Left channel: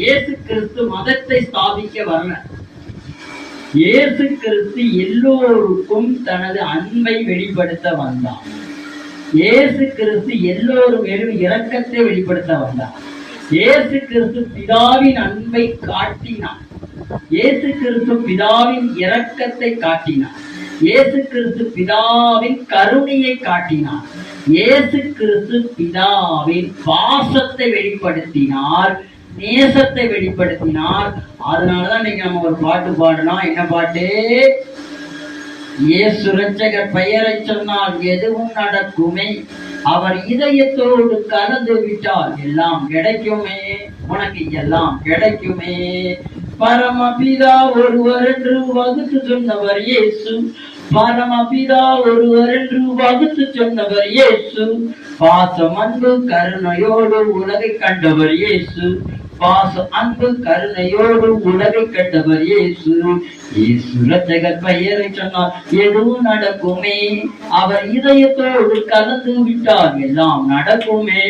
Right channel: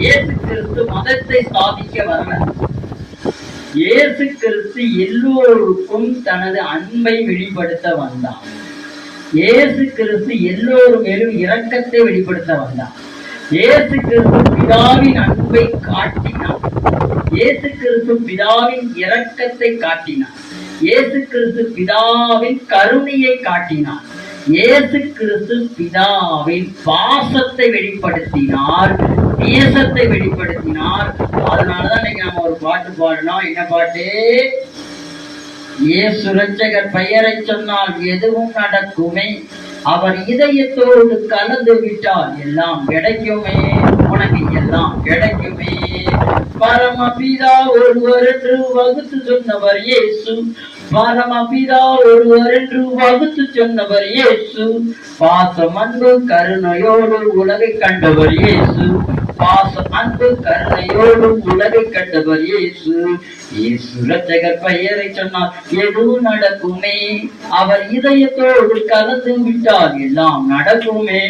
இயேசு கிறிஸ்து மதத்தை ஸ்தாபிக்க வரல. இயேசு கிறிஸ்து எல்லோருக்கும் தனது அன்பை வெளிப்படுத்த வந்தார். இயேசு கிறிஸ்து எல்லோரும் மேலும் இரக்கத்தை வெளிப்படுத்த வந்தார். இயேசு கிறிஸ்து பிதாவின் அன்பை காட்டினார். இயேசு கிறிஸ்து பிதாவின் இரக்கத்தை காட்டினார். இயேசு கிறிஸ்து பிதாவின் கருணையை காட்டினார். இயேசு கிறிஸ்து பிதாவின் பாசத்தை வெளிப்படுத்தினார், நேசத்தை வெளிப்படுத்தினார். அதனாலதான் இன்னைக்கு நம்ம ஒரு பாட்டு பாடணும். என்ன பாட்டு? இயேசு இரட்சகர் பெயரை சொன்னால் எதுவும் நடக்குமே, அவர் இதயத்தோடு கலந்து விட்டால் எல்லாம் கிடைக்குமே, உனக்கு எல்லாம் கிடைக்குமே. பரமபிதா ஒருவர் என்று வகுத்து சொன்னவர் இயேசு. பரமபிதா ஒருவர் என்று வகுத்து சொன்னவர் இயேசு. பாசம் அன்பு கருணையோடு உலகை கண்டவர் இயேசு. பாசம் அன்பு கருணையோடு உலகை கண்டவர் இயேசு. இயேசு இரட்சகர் பெயரை சொன்னால் எதுவும் நடக்குமே, அவர் இதயத்தோடு கலந்து விட்டால் எல்லாம் நடக்குமே.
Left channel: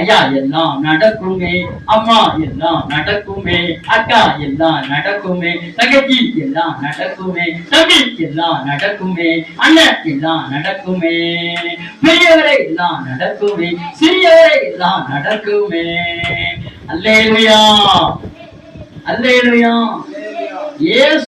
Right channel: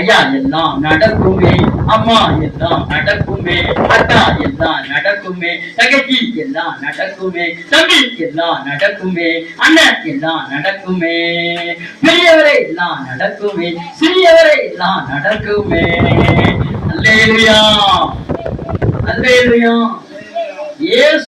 ஐயா எல்லாம் நடக்குமே, அம்மா எல்லாம் நடக்குமே, அக்கா எல்லாம் நடக்குமே, தங்கச்சி எல்லாம் நடக்குமே, தம்பி எல்லாம் நடக்குமே, அண்ணன் எல்லாம் நடக்குமே, பெரியவரை எல்லாம் நடக்குமே, சிறியவரை எல்லாம் நடக்குமே. அல்லேலூயா, அல்லேலூயா.